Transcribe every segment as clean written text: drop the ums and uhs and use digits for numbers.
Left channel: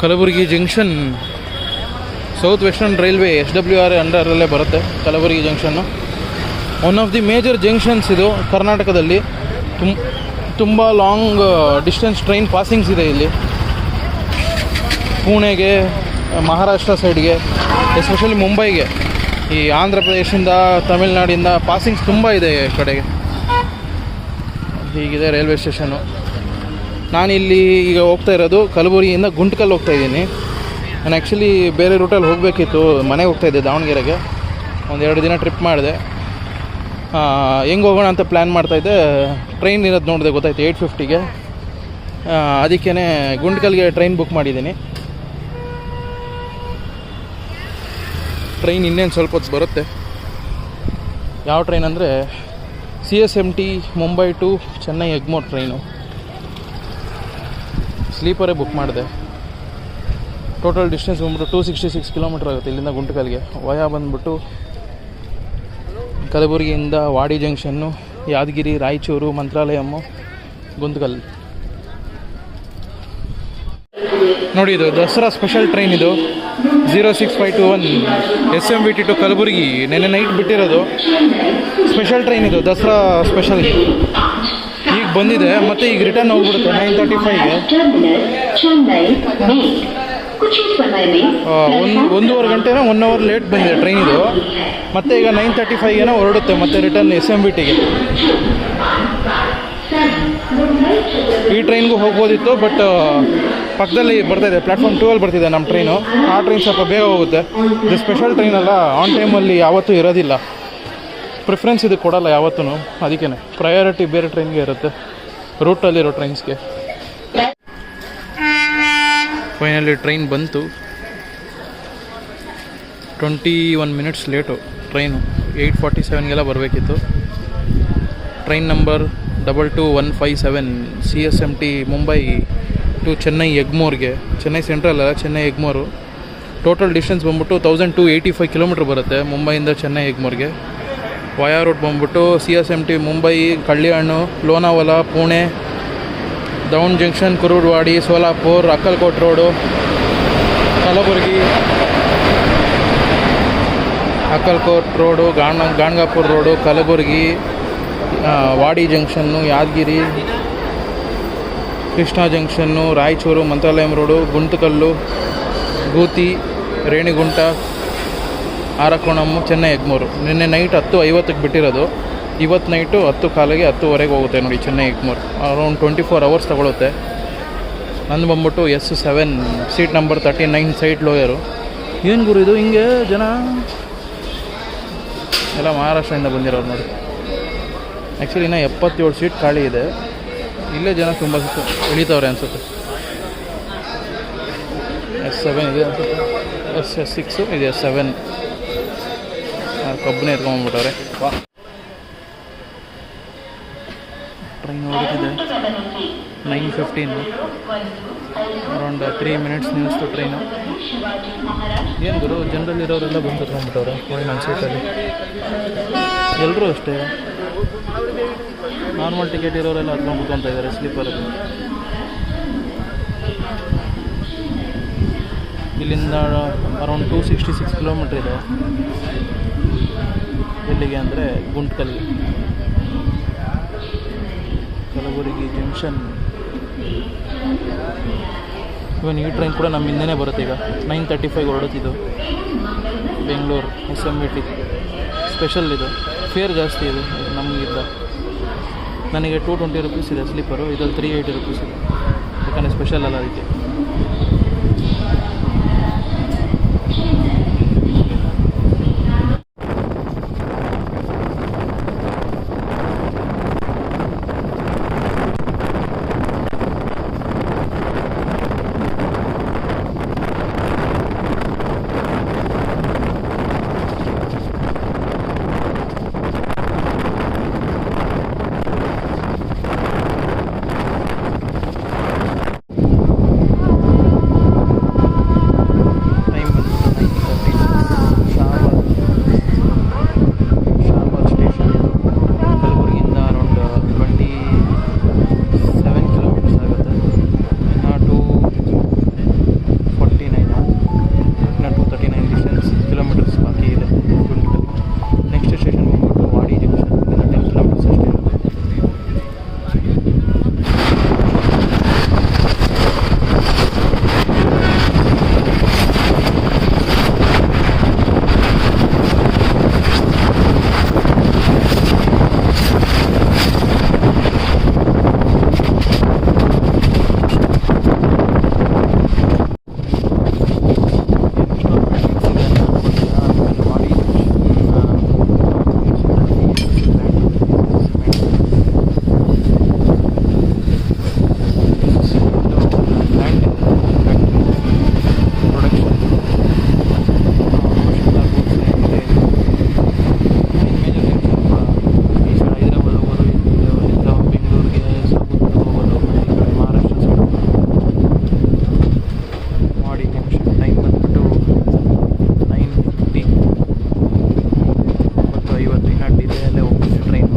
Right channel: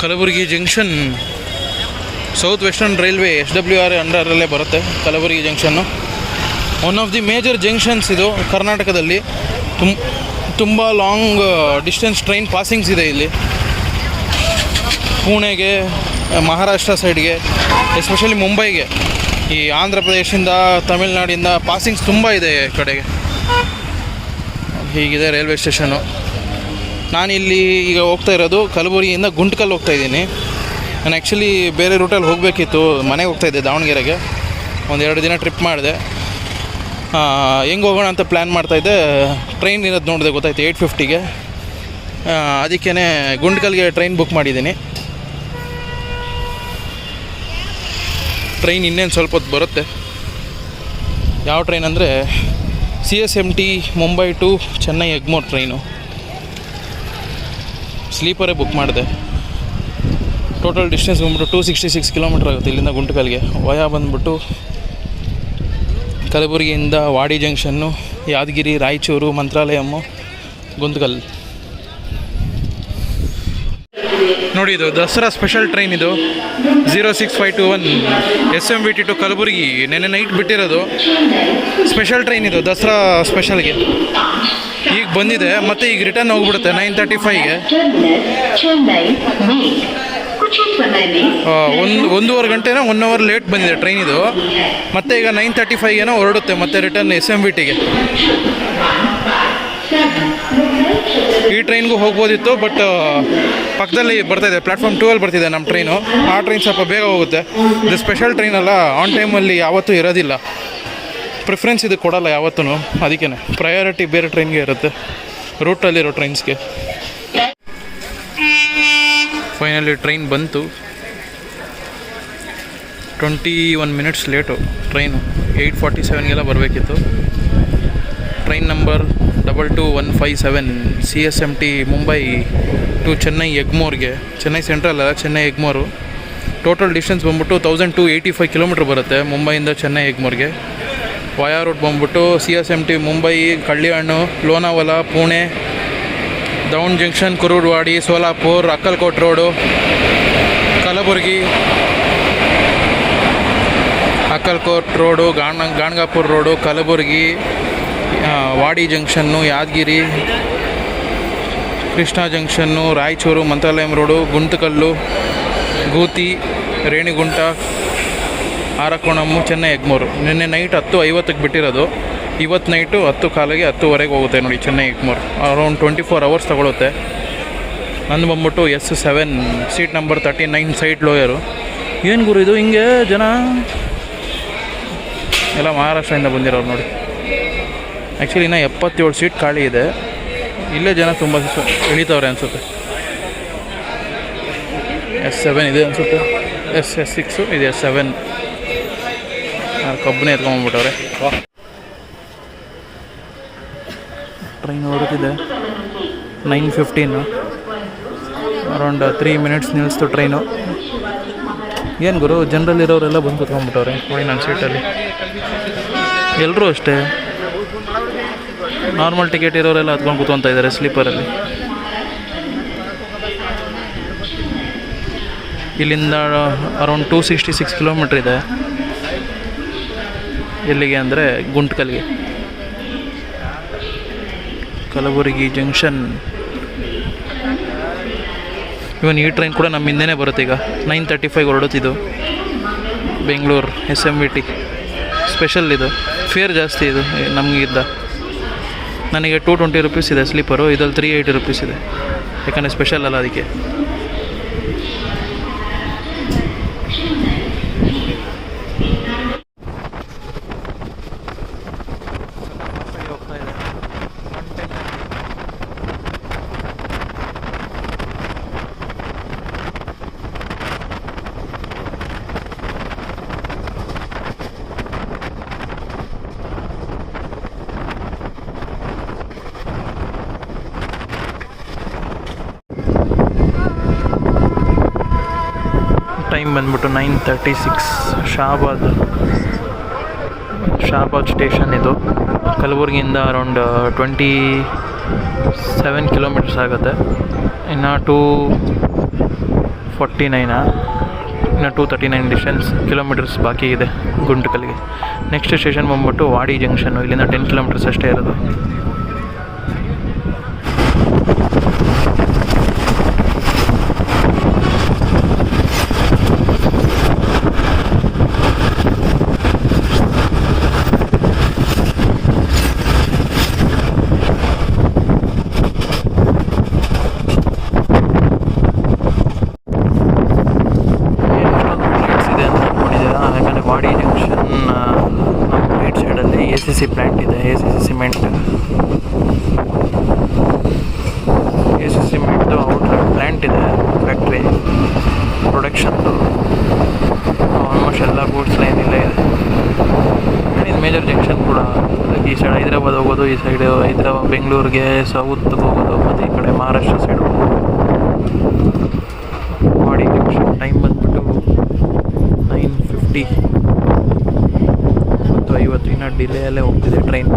Kalaburagi junction South Western Railway SWR ಅಂಡರಲ್ಲೇ ಬರುತ್ತೆ. Kalaburagi junction one of the major junctions ಇದು ಕರ್ನಾಟಕದಲ್ಲಿ. ತುಂಬ ಲಾಂಗ್ ಡಿಸ್ಟೆನ್ಸ್ ಟ್ರೈನ್ ಪಾಸಿಂಗ್ಸ್ ಇದೆ ಇಲ್ಲಿ. ಪುಣೆಗೆ, ಮಹಾರಾಷ್ಟ್ರ ಸೈಡ್ಗೆ, ಎಸ್ಪೆಷಲಿ ಮುಂಬೈಗೆ, ಈ ಆಂಧ್ರ ಪ್ರದೇಶದಿಂದ, ತಮಿಳ್ನಾಡಿಂದ ಪಾಸಿಂಗ್ಸ್ ತುಂಬ ಇದೆ ಈ ಕಡೆಗೆ. ಹೀಗಿದೆ ರೈಲ್ವೆ ಸ್ಟೇಷನ್ನು. ನಾನಿಲ್ಲಿ ಈಗ ಹೋಗ್ತಾ ಇರೋದು ಕಲಬುರಗಿಯಿಂದ ಗುಂಟ್ಕಲ್ ಹೋಗ್ತಾಯಿದ್ದೀನಿ. ನಾನು ಆ್ಯಕ್ಚುಲಿ ಬೇರೆ ರೂಟಲ್ಲಿ ಹೋಗಬೇಕಿತ್ತು, ಮನೆಗೆ ಹೋಗ್ತಾಯಿದ್ದೆ ದಾವಣಗೆರೆಗೆ. 1-2 ದಿನ ಟ್ರಿಪ್ ಮಾಡಿದೆ. ಹೆಂಗೆ ಹೋಗೋಣ ಅಂತ ಪ್ಲ್ಯಾನ್ ಮಾಡ್ತಾಯಿದ್ದೆ. ಟ್ರೈನ್ ಇರೋದು ನೋಡಿದೆ, ಗೊತ್ತಾಯ್ತು 8:50ಗೆ. ಅದಕ್ಕೇ ಗುಂಟ್ಕಲ್ಗೆ ಟ್ರೈನ್ ಬುಕ್ ಮಾಡಿದ್ದೀನಿ. ಟ್ರೈನ್ ಇನ್ನೇನು ಸ್ವಲ್ಪ ಹೊತ್ತು ಬರುತ್ತೆ. ಯಾವ ಟ್ರೈನ್ ಅಂದರೆ CSMT Mumbai to Chennai Egmore train. ಸ್ಲೀಪರೇ ಬುಕ್ ಮಾಡಿದೆ. ಟೋಟಲ್ ಡಿಸ್ಟೆನ್ಸ್ ಬಂದ್ಬಿಟ್ಟು 266 ಕಿಲೋಮೀಟ್ರ್ ಆಗುತ್ತೆ ಇಲ್ಲಿಂದ ಗುಂಟ್ಕಲ್ಗೆ. ವಯಾ ಬಂದ್ಬಿಟ್ಟು ಕಲಬುರಗಿಯಿಂದ ವಾಡಿ ಜಂಕ್ಷನ್ನು, ಯಾದಗಿರಿ, ರಾಯಚೂರು, ಮಂತ್ರಾಲಯಮ್ಮು, ಗುಂತಕಲ್. ನೋಡಿ, ಇದು ದಸರಾ ಸ್ಪೆಷಲ್ ಟ್ರೈನ್. ಇದು 06521 SMVT ಟು ಕಲಬುರಗಿ. ನೆನ್ನೆ ನೈಟ್ ಬಿಟ್ಟಿರೋದು ಸ್ಪೆಷಲ್ ಟ್ರೈನ್ ಇದು, ದಸರಾ ಸ್ಪೆಷಲ್ಗೆ. ಈಗ ಬಂದಿದೆ, ಮತ್ತು ಈಗ ರಿಟರ್ನ್ ಹೋಗ್ಬಿಡುತ್ತೆ 9:35ಗೆ. 1.5 ಗಂಟೆನೋ 1 ಅವರ್ ಲೇಟ್ ಬಂದಿದೆ ಟ್ರೈನ್ ಇದು. ಮತ್ತು ಈಗ 9:35ಗೇನೋ ಹೊರಡುತ್ತೆ ಮತ್ತೆ ರಿಟರ್ನ್ SMVTಗೆ. ಈ ಟ್ರೈನ್ಗೂ ಹೋಗ್ಬೋದಿತ್ತು, ಬಟ್ ಪಕ್ಕದಲ್ಲಿ ಬರ್ತಾಯಿದೆ, ಪ್ಲ್ಯಾಟ್ಫಾರ್ಮ್ 2 ಬರ್ತಿದೆ ನಮ್ಮ ಟ್ರೈನು. ಆ ಟ್ರೈನ್ ಸ್ವಲ್ಪ ಬೇಗ ಹೋಗುತ್ತೆ. ಇದು ಸ್ಪೆಷಲ್ ಟ್ರೈನ್ ಅಲ್ಲ, ಆನ್ ಟೈಮಲ್ಲಿ ಯಾವತ್ತೂ ಇರೋದಿಲ್ಲ. ಪ್ರಿಫರೆನ್ಸ್ ಇದು ಕೊಡೋಲ್ಲ ಯಾವತ್ತೂ. ಅದಕ್ಕೇ ಪ್ರಯಾರಿಟಿ ಬೇರೆ ಟ್ರೈನ್ಗೆ ಇರುತ್ತೆ, ರೂಟಲ್ಲಿರೋ ಟ್ರೈನ್ಸ್ಗೆ. ಫೈನಲಿ ಟ್ರೈನ್ ಬಂತು. 21 ಮಿನಿಟ್ಸ್ ಲೇಟು ಟ್ರೈನು. 8:47ಗೆಲ್ಲ ಬರಬೇಕಿತ್ತು. Train number 22157 CSMT Mumbai to Chennai ಎಗ್ಮೋರ್ಗೆ. ಚೆನ್ನೈ ಸೆಂಟ್ರಲ್ ಅಲ್ಲ, ಚೆನ್ನೈ ಎಗ್ಮೋರು. ಟೋಟಲ್ ಡಿಸ್ಟೆನ್ಸ್ ಬಂದ್ಬಿಟ್ಟು 1285 ಕಿಲೋಮೀಟ್ರ್ ಬರುತ್ತೆ ಮುಂಬೈಯಿಂದ ಚೆನ್ನೈ ಎಗ್ಮೋರ್ಗೆ. ವಯಾ ರೂಟ್ ಬಂದ್ಬಿಟ್ಟು CSMT Mumbai, Kalyan, Lonavala, Pune, Daund junction, Kurduvadi, Solapur, Akkalkot road, Kalaburagi, Akkalkot road, Ganagapur road, Kalaburagi, Wadi junction, Yadgir, Krishna junction, Raichur, Mantralayam road, Guntakal, Gooty, Renigunta, Arakkonam, Chennai Egmore. ನಿನ್ನೆ ನೈಟ್ 10:50ಕ್ಕೆ ಬಿಟ್ಟಿರೋದು. ಇವತ್ತು ನೈಟು 10:15ಗೆ 10:00ವರೆಗೆ ಹೋಗುತ್ತೆ ನೋಡಿ ಚೆನ್ನೈ ಎಗ್ಮೋರ್. ಅರೌಂಡ್ 24 ಅವರ್ಸ್ ತೊಗೊಳುತ್ತೆ. ನಂದು ಬಂದ್ಬಿಟ್ಟು S7 ಸೀಟ್ ನಂಬರ್ 39 ಸೈಡ್ ಲೋಯರು. ಏನು ಗುರು ಇದು ಹಿಂಗೆ ಜನ ಎಲ್ಲ ಮಹಾರಾಷ್ಟ್ರದಿಂದ ಬಂದಿರೋರು ನೋಡಿ. ಆ್ಯಕ್ಚುಲಿ ಇನ್ನೂ 77 ಸೀಟ್ ಖಾಲಿ ಇದೆ. ಇಲ್ಲೇ ಜನ ತುಂಬ ಇಳಿತವ್ರೆ ಅನಿಸುತ್ತೆ. S7 ಇದೆ ಅನಿಸುತ್ತೆ, S6 ಇದೆ, S7 ಕಬ್ಬನೇ ಎತ್ಕೊಂಡ್ಬಿಟ್ಟವ್ರೆ. ಟ್ರೈನ್ ಹೊರಟಿದೆ 9:15. ಅರೌಂಡ್ 3 ಮಿನಿಟ್ಸ್ ನಿಲ್ಲಿಸ್ತು ಟ್ರೈನು. ಏನು ಗುರು, ಜನರಲ್ಲಿರೋರೆಲ್ಲ ಬಂದು ಕೂತ್ಕೊಂಡ್ಬಿಟ್ಟವ್ರೆ ನೋಡಿ ನನ್ನ ಸೀಟಲ್ಲಿ. ಎಲ್ಲರೂ ಅಷ್ಟೇ, ನಾರ್ಮಲ್ ಟಿಕೆಟ್ ಇರೋರೆಲ್ಲ ಹತ್ಕೊಂಡು ಕೂತ್ಕೊತಾ ಇದ್ದಾರೆ ಸ್ಲೀಪರಲ್ಲಿ. ಇಲ್ಲಿಂದ ಅರೌಂಡ್ 266 ಕಿಲೋಮೀಟ್ರ್ ಇದೆ. ಎಲ್ಲಿಗೆ ಅಂದರೆ ಗುಂಟ್ಕಲ್ಗೆ. ಕಲಬುರಗಿ ಜಂಕ್ಷನ್. ಇವನ್ ಈ ಟ್ರೈನ್ ಕೂಡ ನಮ್ಮ ಹಿಂದೆನೇ ಬರುತ್ತೆ. ಈಗ 9:35 ಹೊರಡುತ್ತಿದ್ದು ಬೆಂಗಳೂರು SMVT ಸ್ಪೆಷಲ್. ಇದು ಫೇರ್ ಜಾಸ್ತಿ, ಇದು ನಮಗಿದ್ದ. ನನಗೆ 220 ರುಪೀಸ್ ಇದೆ ಸ್ಲೀಪರು, ಇದ್ರಲ್ಲಿ 380 ರುಪೀಸ್ ಇದೆ, ಯಾಕಂದರೆ ಸ್ಪೆಷಲ್ ಅಲ್ಲ ಅದಕ್ಕೆ. ಬಂದ್ಬಿಟ್ಟು 9:36. ಶಾಬಾದ್ ಸ್ಟೇಷನ್ ಇದು. ಕಲಬುರಗಿಯಿಂದ ಅರೌಂಡ್ 27 ಕಿಲೋಮೀಟರ್ಸ್ ಆಗುತ್ತೆ. ಇನ್ನು 249 ಇನ್ನು 239 ಕಿಲೋಮೀಟರ್ಸ್ ಬಾಕಿ ಇದೆ ಗುಂಟಕಲ್ಗೆ. ನೆಕ್ಸ್ಟ್ ಸ್ಟೇಷನ್ ಬಂದ್ಬಿಟ್ಟು ವಾಡಿ ಜಂಕ್ಷನ್ನು. ಇಲ್ಲಿಂದ 10 ಕಿಲೋಮೀಟರ್ಸ್ ಅಷ್ಟೇ ಇರೋದು. ಬೆಂಗಳೂರಿಗೆ ಸೌತ್ ಹೋಗೋದು, ಮತ್ತು ಈ ಕಡೆ ಮಹಾರಾಷ್ಟ್ರ ಸೈಡ್ ಹೋಗೋದು. ಮಾಡಿ ಜಂಕ್ಷನ್ ಟೈಮ್ ಬಂದ್ಬಿಟ್ಟು 9:50 ಮತ್ತು 50. ಇನ್ನು ಡಿಲೇಯಲ್ಲೇ ಹೋಗ್ತಿದೆ ಟ್ರೈನ್.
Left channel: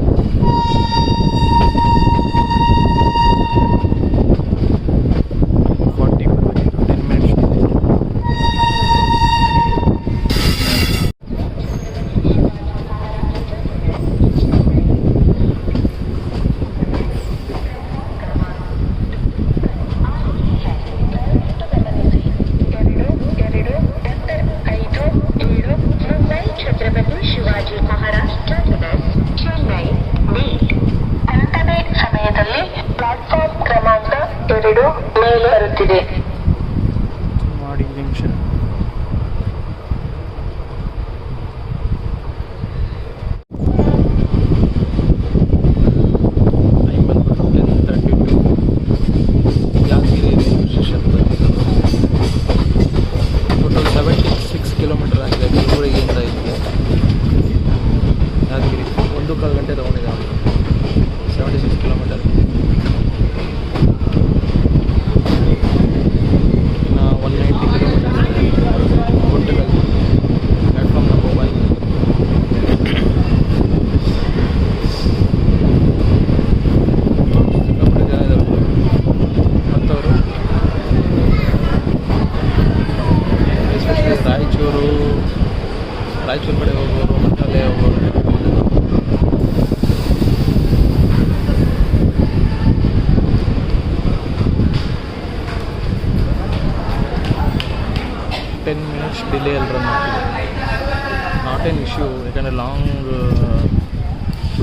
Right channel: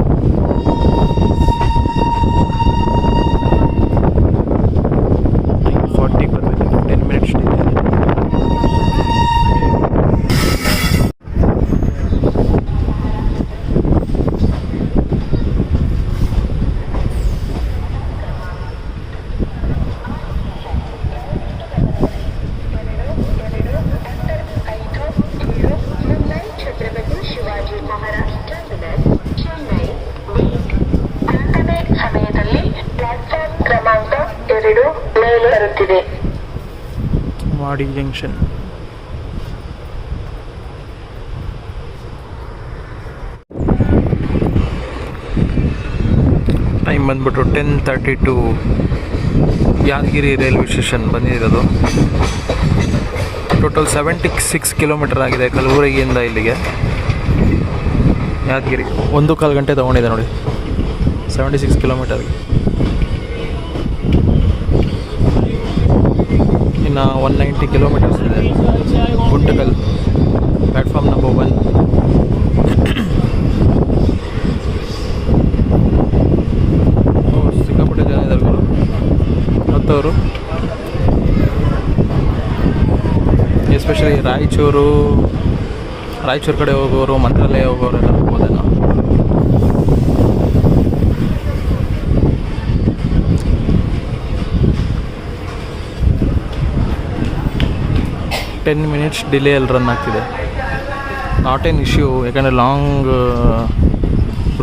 ಮಾಡಿ ಜಂಕ್ಷನ್ ಟೈಮ್ ಬಂದ್ಬಿಟ್ಟು 10:32. ಯಾದಗಿರಿ ರೈಲ್ವೆ ಸ್ಟೇಷನ್ ಬಂದಿರೋದು. ಟೋಟಲ್ 76 ಕಿಲೋಮೀಟರ್ ಆಗಿದೆ ಕಲಬುರಗಿಯಿಂದ ಇಲ್ಲಿಗೆ. ಯಾದಗಿರಿ 1.25 ಗಂಟೆ ತೊಗೊಂಡಿದೆ ನೋಡಿ. 76 ಕಿಲೋಮೀಟರ್. ಇನ್ನು 190 ಕಿಲೋಮೀಟರ್ಸ್ ಇದೆ ಗುಂಟಕಲ್ ಪ್ಲ್ಯಾಟ್ಫಾರ್ಮ್ ನಂಬರ್ 1. ಸಿಕ್ಕಾಪಟ್ಟೆ ಜನ ಇದ್ದಾರೆ ಮತ್ತವರು, ಎಸ್ಪೆಷಲಿ ರಾಯಚೂರು ಕಡೆ ಹೋಗೋರು, ಮಂತ್ರಾಲಯ ಹೋಗೋರು ಹೋಗ್ಬೋದೇನೋ. ಟೆನ್ ಮಿನಿಟ್ಸ್ ಡಿಲೇಯಲ್ಲಿ ರನ್ ಆಗ್ತಿದೆ. ನಾಟ್ ಎನ್ ಇಶ್ಯೂ, ಯಾಕಂದರೆ ಲಾಂಗ್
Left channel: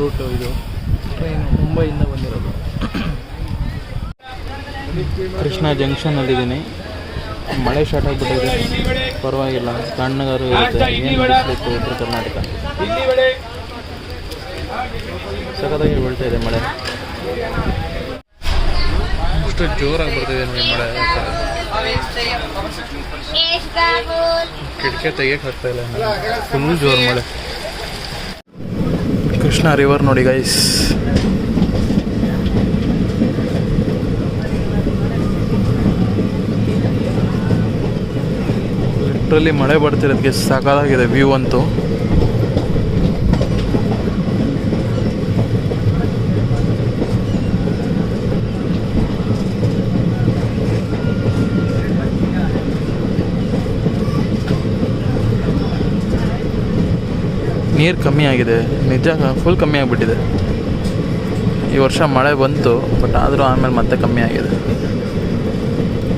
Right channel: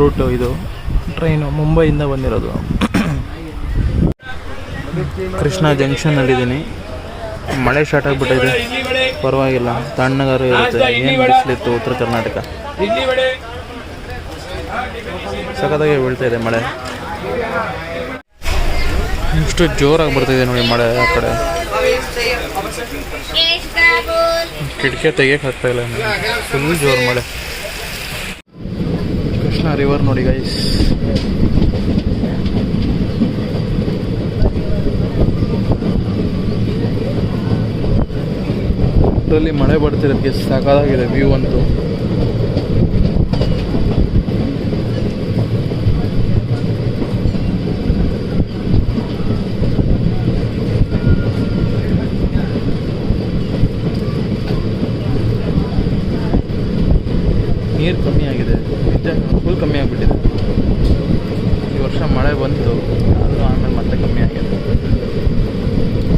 ರೂಟು ಇದು. ಟ್ರೈನು ಮುಂಬೈಯಿಂದ ಬಂದಿರೋದು. ಕೃಷ್ಣ ಜಂಕ್ಷನ್ನಲ್ಲಿದ್ದೀನಿ. ಮಳೆ ಸ್ಟಾರ್ಟ್ ಆಗಿಬಿಟ್ಟಿದೆ, ಪರವಾಗಿಲ್ಲ, ತಣ್ಣಗಾರು ಇರುತ್ತೆ. ಏನು ಬಿಸಿಲಿತ್ತು ಉತ್ತರ ಕರ್ನಾಟಕ, ಸಖತ್ತಾಗಿ ಬೀಳ್ತಾ ಇದೆ ಮಳೆ. ಇಷ್ಟು ಜೋರಾಗಿ ಬರ್ತಾಯಿದೆ ನೋಡಿ ಮಳೆ. ಆ ಕಡೆ ಕಿಟಕಿ ತೆಗಿಯಕ್ಕೆ ಆಗ್ತಾ ಇಲ್ಲ, ಫುಲ್ ಜೋರು ಮಳೆ. ಕೃಷ್ಣ ರಿವರ್ ನೋಡಿ ಗೈಸ್. ಲಿಟ್ರಲಿ ಮಳೆ ಬರ್ತಿರೋದಕ್ಕೆ ಸಾಕಾಗಿದೆ ವ್ಯೂ ಅಂತೂ. ನೀರು ಕಮ್ಮಿ ಆಗಿದೆ, ನಿಜ ಫುಲ್ ಕಮ್ಮಿ ಆಗಿಬಿಟ್ಟಿದೆ. ಈ ವರ್ಷ ಮಳೆ ಬಂತು, ಬಟ್ ಆದರೂ ಆಮೇಲೆ ಮತ್ತೆ ಕಮ್ಮಿ ಆಗಿದೆ.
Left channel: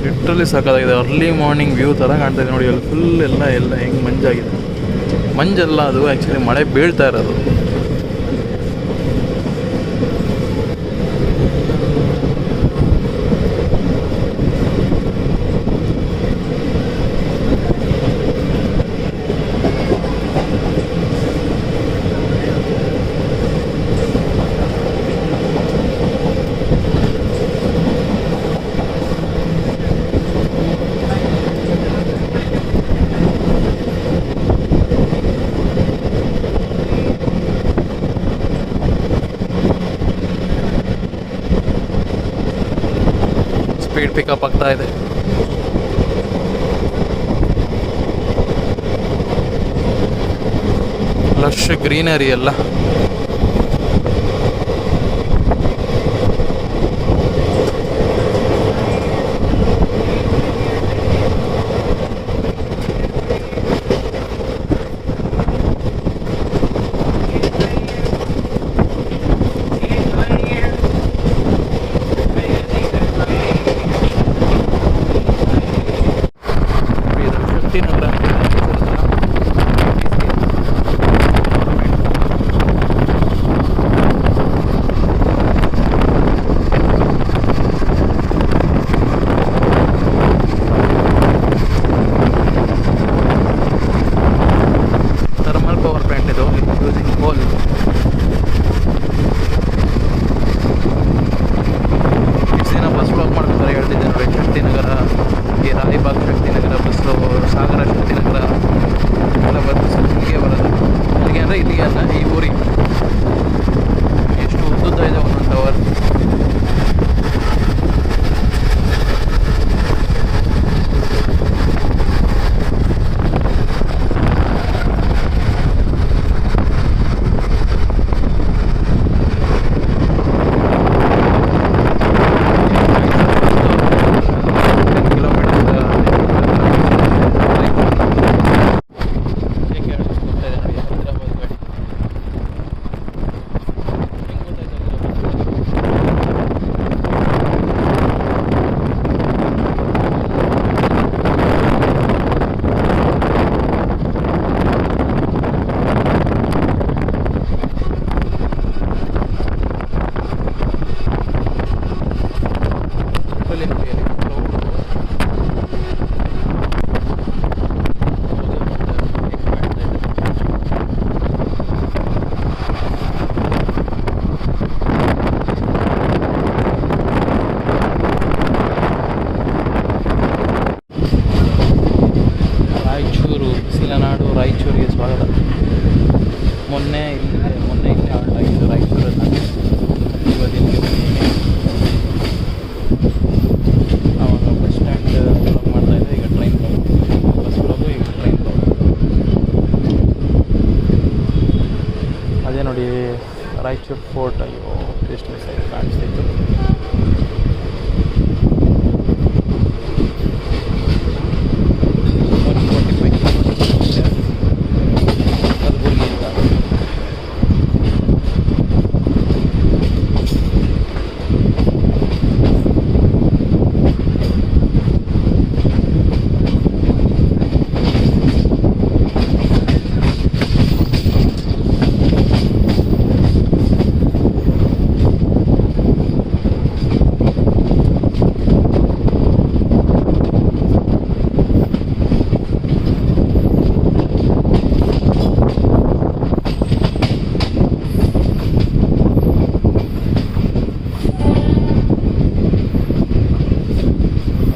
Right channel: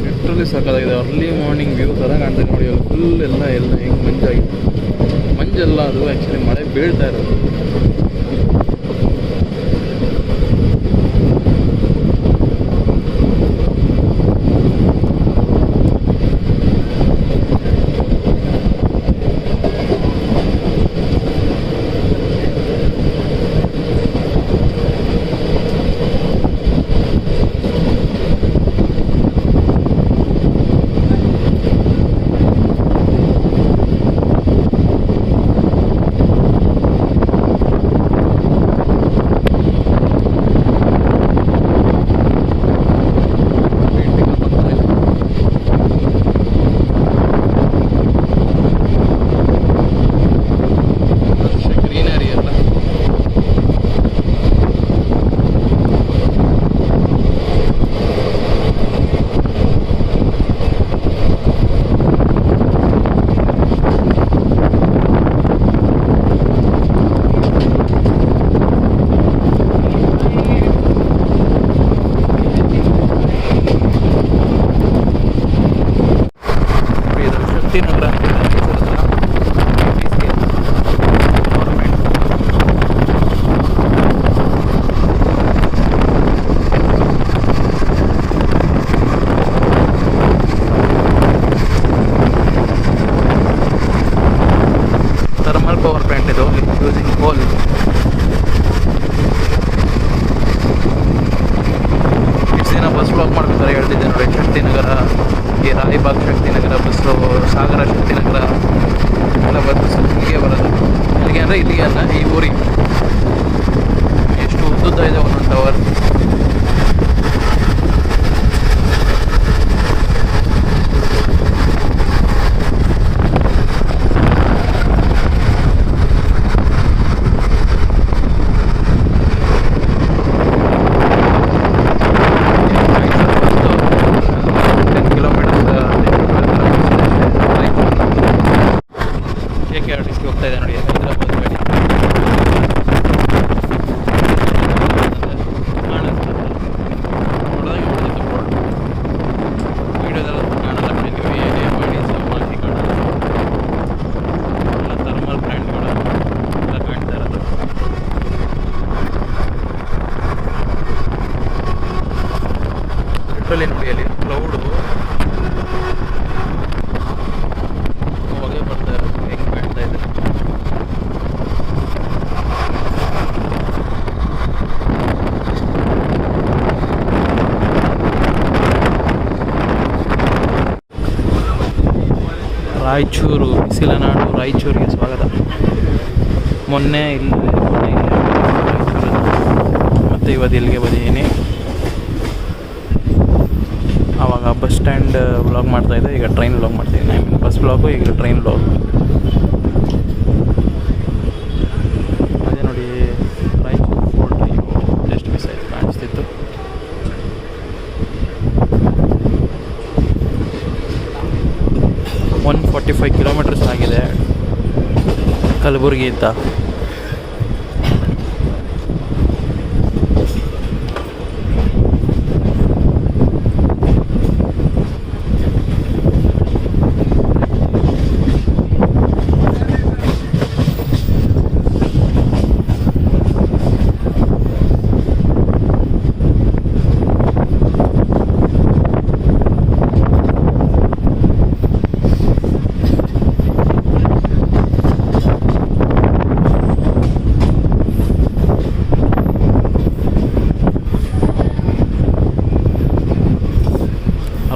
ಲಿಟ್ರಲಿ ಸಾಕಾಗಿದೆ. ಅರ್ಲಿ ಮಾರ್ನಿಂಗ್ ವ್ಯೂ ಥರ ಕಾಣ್ತಿದೆ ನೋಡಿ. ಅಲ್ಲಿ ಫುಲ್ ಎಲ್ಲ ಹೆಂಗೆ ಮಂಜಾಗಿದೆ. ಮಂಜಲ್ಲ, ಅದು ಆ್ಯಕ್ಚುಲಿ ಮಳೆ ಬೀಳ್ತಾ ಇರೋದು. ಪಿಕಪ್ ಆಗ್ತಾ ಇದೆ. ಲಶ್ ಗ್ರೀನರಿ ಎಲ್ಲ. ರಾಯಚೂರು ಸಿಲನಾಡು ರಾಯಚೂರಿಗೆ ಸ್ವಾಗತ. ಮೊನ್ನೆ ಇಲ್ಲಿ ರಾಯಚೂರಲ್ಲಿ ಮತ್ತು ಇವತ್ತು ಇಲ್ಲಿಗೆ ಬಂದಿದ್ದೀನಿ. ಆವಾಗ ಬಸ್ ಸ್ಟ್ಯಾಂಡ್ ವ್ಲಾಗ್ ಮಾಡ್ತಾಯಿದ್ದೆ, ಈಗ ಟ್ರೈನ್ ವ್ಲಾಗ್ ಮಾಡ್ತಾಯಿದ್ದೆ. ಬಸ್ ವ್ಲಾಗು, ಈಗ ಟ್ರೈನ್ ವ್ಲಾಗ್. ಅದೇ ನೋಡಿ ರಾಯಚೂರು ಫೋರ್ಟ್. ಅಯ್ಯೋ ಜಸ್ಟ್ ಮಿಸ್ ಆಯಿತು, ಕಾಣಿಸ್ತಿತ್ತು. ಒನ್ 45 ಕಿಲೋಮೀಟರ್ಸ್ ಆಗಿದೆ ಕಲಬುರಗಿ ಅಂತ.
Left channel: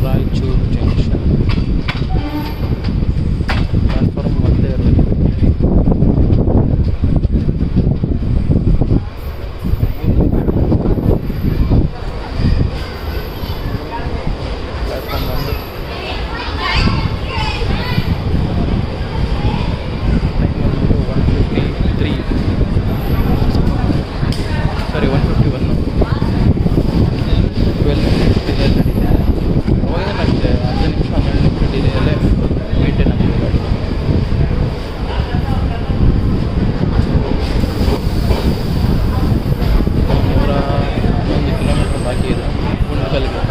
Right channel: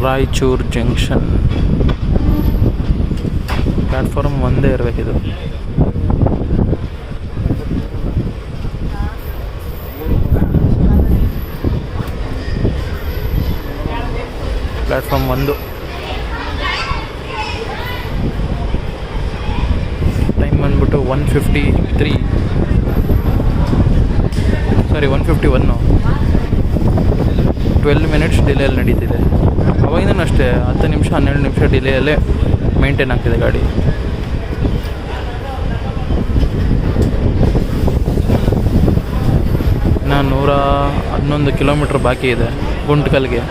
ರಾಯಚೂರು ಜಂಕ್ಷನ್ ಪ್ಲ್ಯಾಟ್ಫಾರ್ಮ್ ಒಂದೇ ಇರಬೇಕಿದು. ಪ್ಲ್ಯಾಟ್ಫಾರ್ಮ್ 1. ಟೈಮ್ ಬಂದ್ಬಿಟ್ಟು 1:53, ಸಾರಿ 1:51. 12 ಮಿನಿಟ್ಸ್ ಡಿಲೇಯಲ್ಲಿ ನಡೀತಿದೆ. ಅವಾಗಿಂದನೂ ಅಷ್ಟೇ 10 ನಿಮಿಷ 12 ನಿಮಿಷ ಡಿಲೇಯಲ್ಲೇ ಮೇಂಟೈನ್ ಆಗ್ತಿದೆ ಗಾಡಿ. ನಾನು 111 ಕಿಲೋಮೀಟ್ರ್ ಬಾಕಿ ಇದೆ ಗುಂಟ್ಕಲ್ಗೆ.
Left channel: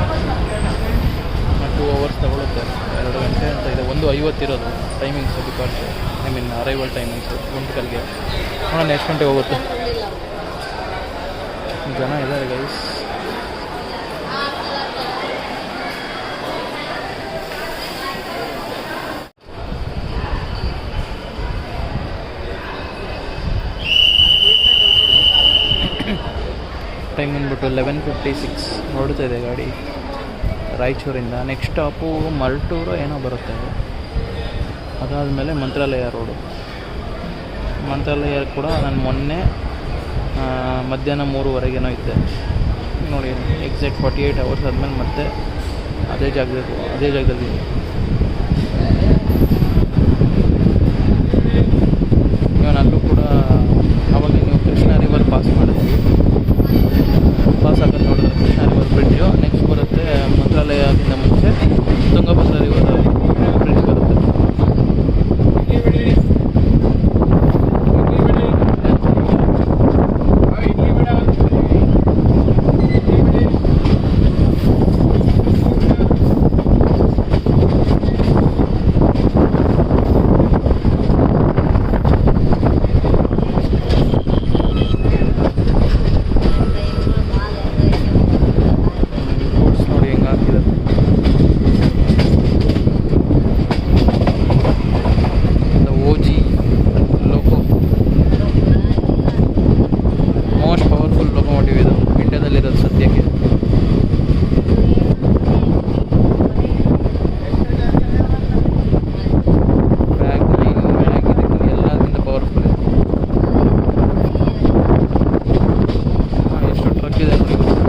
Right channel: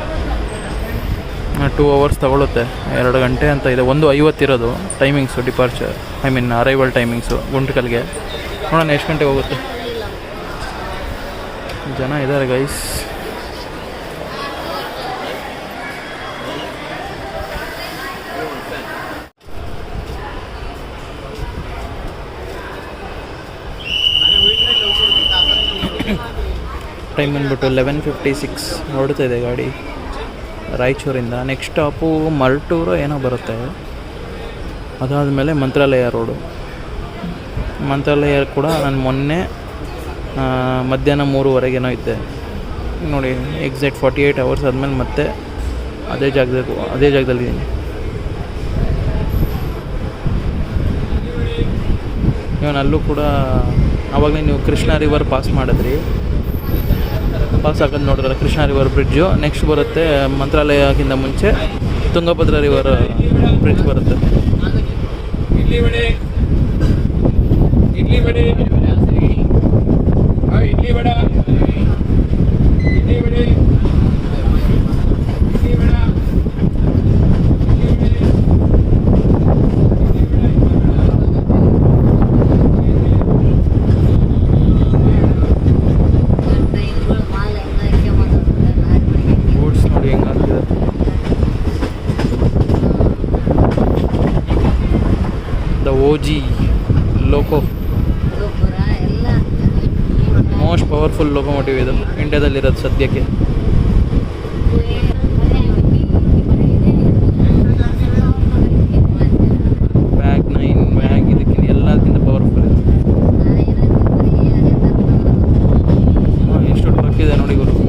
2 ಅವರ್ಸ್ ತಗೊಳುತ್ತೆ, 2 ಗಂಟೆ ಅಂತ ಇದೆ. 1:50 ಇರೋದು ಟೈಮಿಂಗ್ಸು, ಡಿಪಾರ್ಚರ್ ಅರೈವಲ್ ಟೈಮಿಂಗ್ಸು ಗುಂಟ್ಕಲ್ಗೆ. ನೋಡೋಣ ಎಷ್ಟು ಗಂಟೆಗೆ ಹೋಗುತ್ತೆ. ಜನ ಇದ್ದಾರೆ ಗೈಸ್. ಟೈಮ್ ಬಂದ್ಬಿಟ್ಟು 11:56 ನೋಡ್ತಾ ಇದೆ ಗಾಡಿ ರಾಯಚೂರಿಂದ. ನೆಕ್ಸ್ಟ್ ಸ್ಟಾಪು ಮಲ್ಟೂರು ಏನೋ ಬರುತ್ತೆ. ಅದಾದಮೇಲೆ ಮಂತ್ರಾಲಯ ರೋಡು. ಮಂತ್ರಾಲಯ ಕೂಡ ನಾನು ಮೊನ್ನೆ ಮಧ್ಯಾಹ್ನ 3:00 ಇದ್ದೆ ನೋಡಿ. ಎಕ್ಸಾಕ್ಟ್ 48 ಅವರ್ಸ್ ಆದಮೇಲೆ ಮತ್ತೆ ಅದೇ ಜಾಗದಲ್ಲಿ. ಇವನು ಅಲ್ಲೂ ಕೂಡ ಆವಾಗಲೇ ನೀವು ಕೃಷ್ಣ ರಿವರ್ ಪಾಸ್ ಮಾಡಿದ್ರಿ. ಪಾಸ್ ಆಗೋದು ನೋಡಿದ್ರೆ ಕೃಷ್ಣ ರಿವರ್ ಬ್ರಿಡ್ಜು. ನೆಕ್ಸ್ಟ್ ಬರುತ್ತೆ ಮಂತ್ರಾಲಯಕ್ಕಿಂತ ಮುಂಚೆ ತುಂಗಭದ್ರಾ ರಿವರ್ ಬ್ರಿಡ್ಜ್ ಬರುತ್ತೆ. OG ಲೋಕೋ, ಮೋಸ್ಟ್ ಪವರ್ಫುಲ್ ಲೋಕೋಮೋಟಿವ್ ಇದು ಇಂಡಿಯಾದಲ್ಲಿರೋದು ಸದ್ಯಕ್ಕೆ. ವ್ಯಾಗ್ 9 ವ್ಯಾಗ್ ಇದಕ್ಕಿಂತ ಎಲ್ಲದಕ್ಕಿಂತ ಪವರ್ಫುಲ್ ಇದು. ಎಷ್ಟು ಟ್ರಕ್ ಇದೆ ನೋಡಿ ಗೊತ್ತು.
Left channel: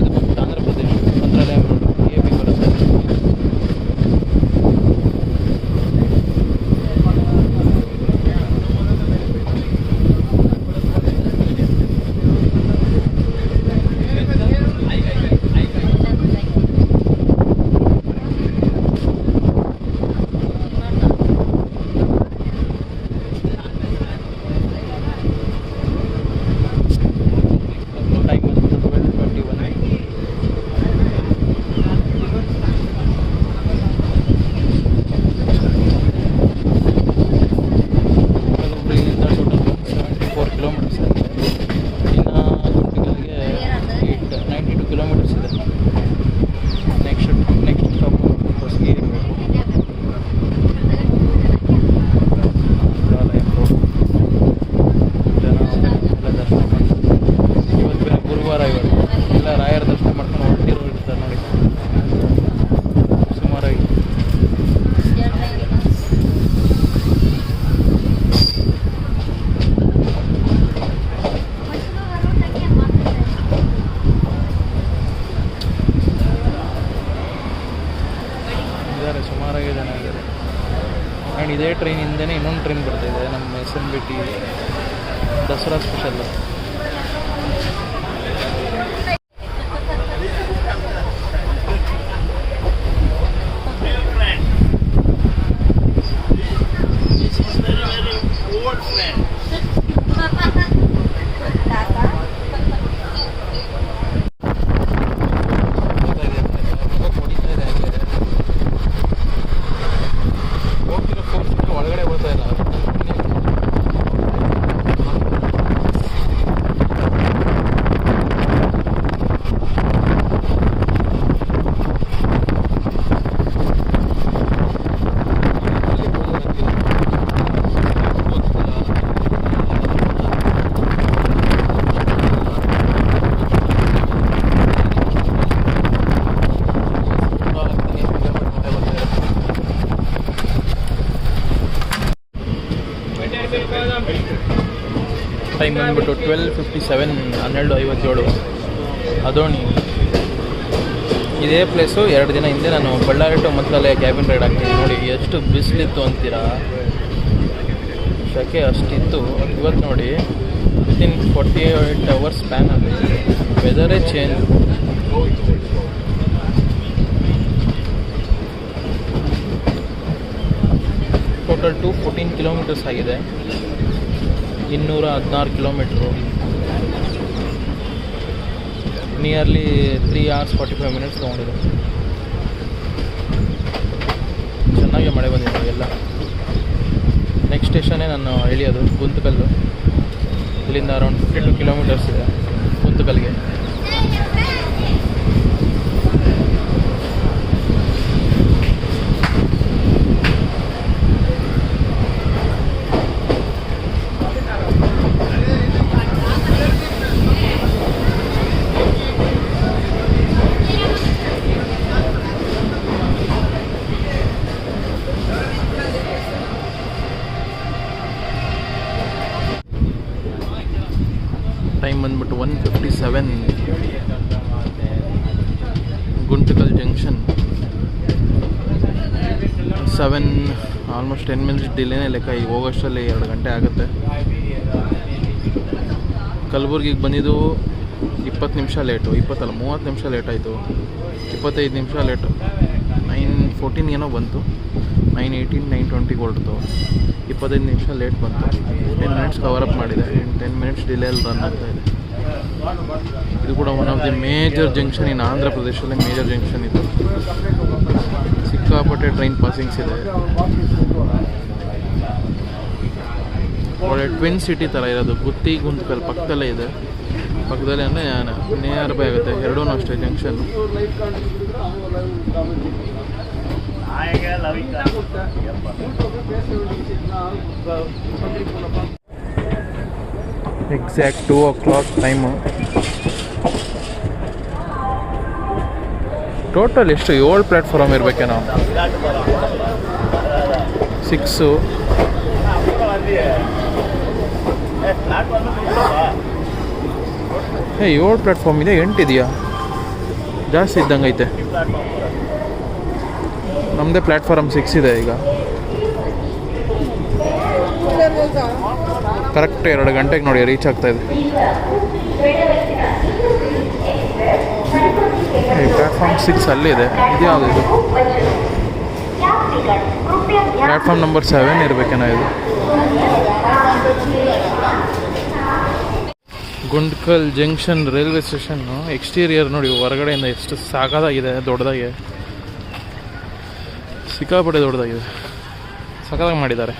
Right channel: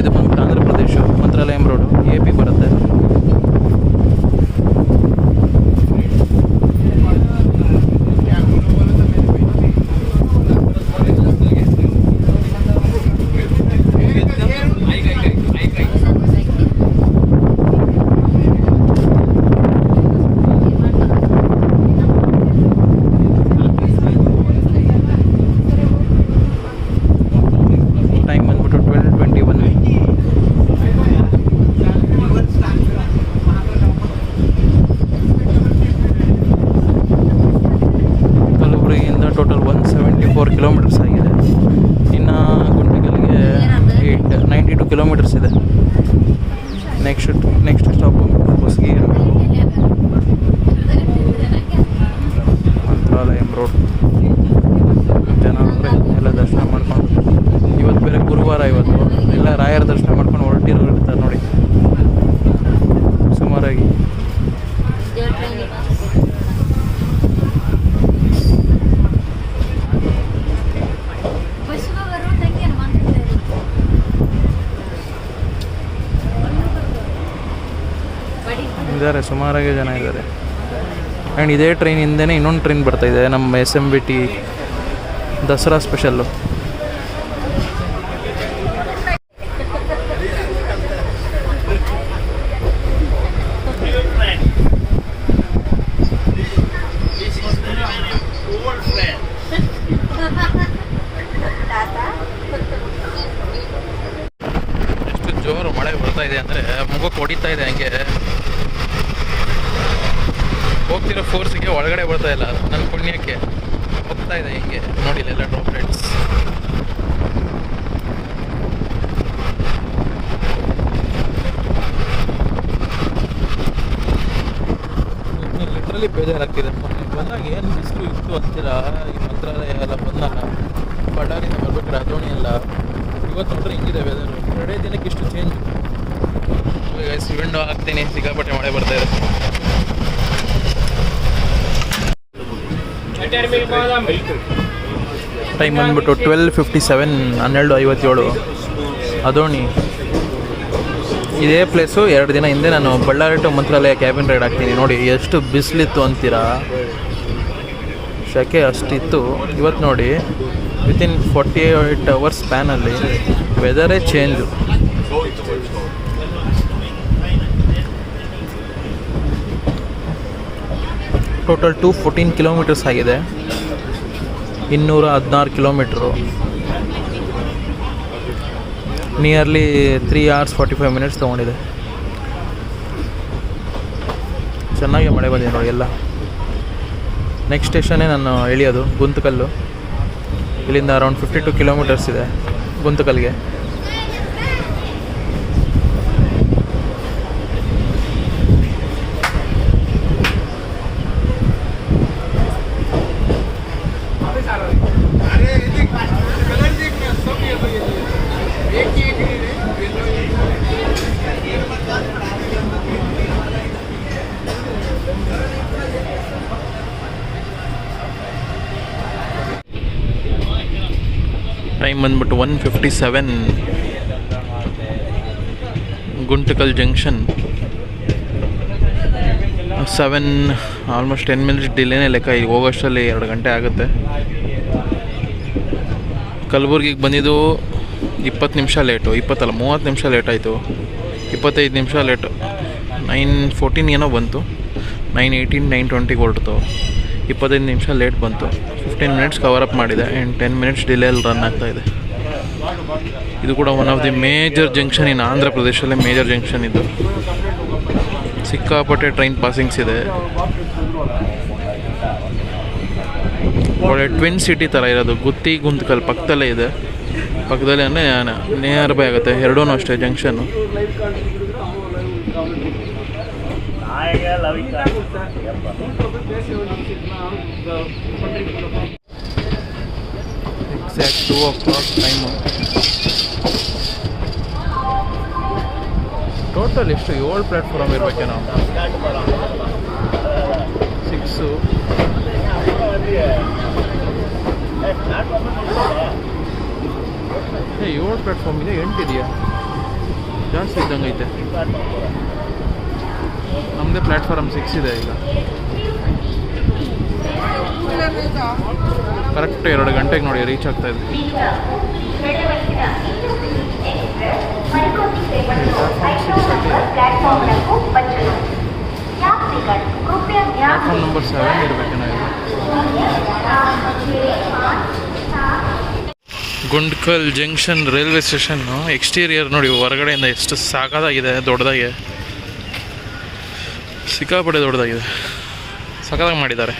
ಇದು ಬಂದು ಆಂಧ್ರ ಪ್ರದೇಶ ಮಂತ್ರಾಲಯಂ ರೋಡ್ AP ಬರುತ್ತೆ. ಟೈಮ್ ಬಂದ್ಬಿಟ್ಟು 12:21. ಕಲಬುರಗಿಯಿಂದ ಟೋಟಲ್ 174 ಕಿಲೋಮೀಟರ್ಸ್ ಆಗಿದೆ. ಇನ್ನು ಗುಂಟಕಲ್ಗೆ 92 ಕಿಲೋಮೀಟರ್ಸ್ ಇದೆ. ನೆಕ್ಸ್ಟ್ ಸ್ಟಾಪ್ ಹೊಸಗಿ ಮಂತ್ರಾಲಯಂ ರೋಡ್. ಜನ ಎಲ್ಲ ದರ್ಶನ ಮಾಡ್ಕೊಂಡು ಇವತ್ತು ಬೇರೆ ಗುರುವಾರ, ಇವತ್ತು ಎಲ್ಲ ರಾಯರ ದರ್ಶನ ಮಾಡ್ಕೊಂಡು ಹೊರಟಿರ್ತಾರೆ ನೋಡಿ ಸುಮಾರಾಗಿ. ಇದ್ದಾರೆ, ಸುಮಾರಾಗಿ ಜನ ಇದ್ದಾರೆ. ಆ್ಯಂಡ್ ಇದೇ ಟ್ರೈನ್ ಹಿಂದೆನೇ ಇನ್ನೊಂದು ಟ್ರೈನ್ ಬರ್ತಾಯಿದೆ, ನಮ್ಮ SMBT ದಸರಾ ಸ್ಪೆಷಲ್ಲು. ಎಷ್ಟು ಜೋರು ಮಳೆ ಬರ್ತಾ ಇದೆ ಅಂದರೆ ಮುಖಕ್ಕೆ ಹೊಡಿತಾ ಇದೆ. ಹಂಗೆ ಹೋಗ್ತಿರೋ ಫೋರ್ಸಿಗೆ ಒಳಗಡೆ ಬರ್ತಾ ಇಲ್ಲ, ನನ್ನ ಪುಣ್ಯಕ್ಕೆ ಹೋಗ್ತಾ ಇದೆ ಹೀಗೆ ನೋಡಿ ಎಲ್ಲ ಫ್ರೆಂಡ್ಸ್. ಇದರಲ್ಲಿ ಬೇಜಾರಾಗ್ತಿದೆ, ಚೆನ್ನಾಗಿ ಗೊತ್ತಿಲ್ಲ ಇದರಲ್ಲಿ ಎಲ್ಲ ಬಂದಿಲ್ಲ. ಇವತ್ತು ಟ್ರೈನ್ ಇದೆ ಬೇಜಾರು, ಇಷ್ಟು ಚೇಂಜ್ ವಿಂಡೋ ಹಾಕ್ತೀನಿ, ಸಿಕ್ಕಾಪಟ್ಟೆ ಮಳೆ ಬರ್ತಾ ಇದೆ. ಟೈಮ್ ಬಂದ್ಬಿಟ್ಟು 12:57, 12:57. ಅದೋಣಿ ಇದೇ ಪ್ಲೇಸು. 2 ದಿನ ಹಿಂದೆ ನಾನು Ballari to Mantralaya cabin ride ಹಾಕ್ತೀನಿ ನೋಡಿ. ಎಷ್ಟು ಬಿಸಿಲಿತ್ತು ಅಂತೀರಾ, ಶೆಕೆ ಅಷ್ಟಿತ್ತು. ಇವತ್ತು ನೋಡಿ ವಿತಿನ್ 48 ಅವರ್ಸ್ ಸ್ಪ್ಯಾನಲ್ಲಿ ವೆದರೇ ಚೇಂಜು. ಟೋಟಲ್ 214 ಕಿಲೋಮೀಟರ್ಸ್ ಆಗಿದೆ, 216 ಕಿಲೋಮೀಟ್ರು, ನಿಯರ್ಲಿ 3 hours 45 minutes ತೊಗೊಂಡಿದೆ. ಚೆನ್ನಾಗಿ ಮಳೆ ಬಂದಿದೆ ನೋಡಿ ಎಲ್ಲ. ನೆಕ್ಸ್ಟ್ ಸ್ಟೇಷನ್ನೇ ನಾನು ಇಳಿಯೋದು ಗುಂತಕಲ್ಲು. ಇಲ್ಲಿಂದ ಅರೌಂಡ್ 52 ಕಿಲೋಮೀಟರ್ಸ್ ಇದೆ ಗುಂತಕಲ್ಗೆ. ಟೈಮ್ ಬಂದ್ಬಿಟ್ಟು 1:57. ಗುಂಟಕಲ್ ಜಂಕ್ಷನ್ 7, ಆಲ್ಮೋಸ್ಟ್ 10 minutes ಡಿಲೇನೇ ಲೆಕ್ಕ. ಈಗ ಹೋಗೋಷ್ಟರಲ್ಲಿ 2 ಗಂಟೆ ಆಗುತ್ತೆ. ಕಲಬುರ್ಗಿಗೆ ಬಂದಿದ್ದು 20 ನಿಮಿಷ ಲೇಟು, 30 ನಿಮಿಷ ಲೇಟ್ ಆಯಿತು. 25 ನಿಮಿಷ ಲೇಟು. 9:14 ಏನೋ ಬಂತು, 9:18, 9:20 ಹೊರಟಿತು. 25 ನಿಮಿಷ ಲೇಟ್ ಬಂತು. 15 minutes ಕವರಪ್ ಮಾಡಿದೆ ಆ್ಯಂಡ್ 10 minutes ಡಿಲೇಯಲ್ಲಿ ರನ್ ಆಗ್ತಾಯಿದೆ. ಇದು ಕೂಡ one of the major junction in Andhra ಪ್ರದೇಶಲ್ಲೇ ಮೇಜರ್ ಜಂಕ್ಷನ್ ಇದು. ಸಿಕ್ಕಾಪಟ್ಟೆ ಟ್ರೈನ್ ಪಾಸಿಂಗ್ಸ್ ಇದೆ. ಒಳ್ಳೆ ಟ್ವಿನ್ ಸಿಟಿ ಥರ ಇರೋದು. ಗುತ್ತಿ ಗುಂತಕಲ್ ಪಕ್ಕದಲ್ಲೇ ಇದೆ. ಪಕ್ಕದಲ್ಲೇ ಅಂದರೆ ನಿಯರ್ ಬೈ ಆಗುತ್ತೆ. ಎರಡೂ ಅಷ್ಟೇ ಜಂಕ್ಷನ್ನು. Exact 2 o'clock time. ಟೋಟಲ್ ಎಷ್ಟು 7 ಪ್ಲ್ಯಾಟ್ಫಾರ್ಮ್ ಇರಬೇಕೇನೋ. 6 7 ಪ್ಲ್ಯಾಟ್ಫಾರ್ಮ್ ಇದೆ, 8 ಇದೆಯಾ? ಜಾಸ್ತಿ ಇದ್ದಂಗೆ ಐತೆ. ನಮ್ಮದೇ ಪ್ಲ್ಯಾಟ್ಫಾರ್ಮ್ 6 ಇದೆ ಈಗ. ಕರೆಕ್ಟ್ 2 ಗಂಟೆಗೆ ನೋಡಿ ರೀಚ್ ಆಗ್ತಾಯಿದೆ. ಪ್ಲ್ಯಾಟ್ಫಾರ್ಮ್ 6 ಅಲ್ಲಿದೆ. ಯಾವುದು ಪ್ಲ್ಯಾಟ್ಫಾರ್ಮ್ ನಂಬರ್ 7 ಇರಬೇಕೇನೋ ಇದು. Guntakal junction railway station exterior ನೋಡಿ ಹೊರಗಡೆಯಿಂದ ಎಷ್ಟು ಸಾಕಾಗಿದೆ, ದೊಡ್ಡದಾಗಿದೆ, ಸಿಕ್ಕಾಪಟ್ಟೆ ದೊಡ್ಡದಾಗಿದೆ, ಸಖತ್ತಾಗಿ ಮಾಡಿದ್ದಾರೆ.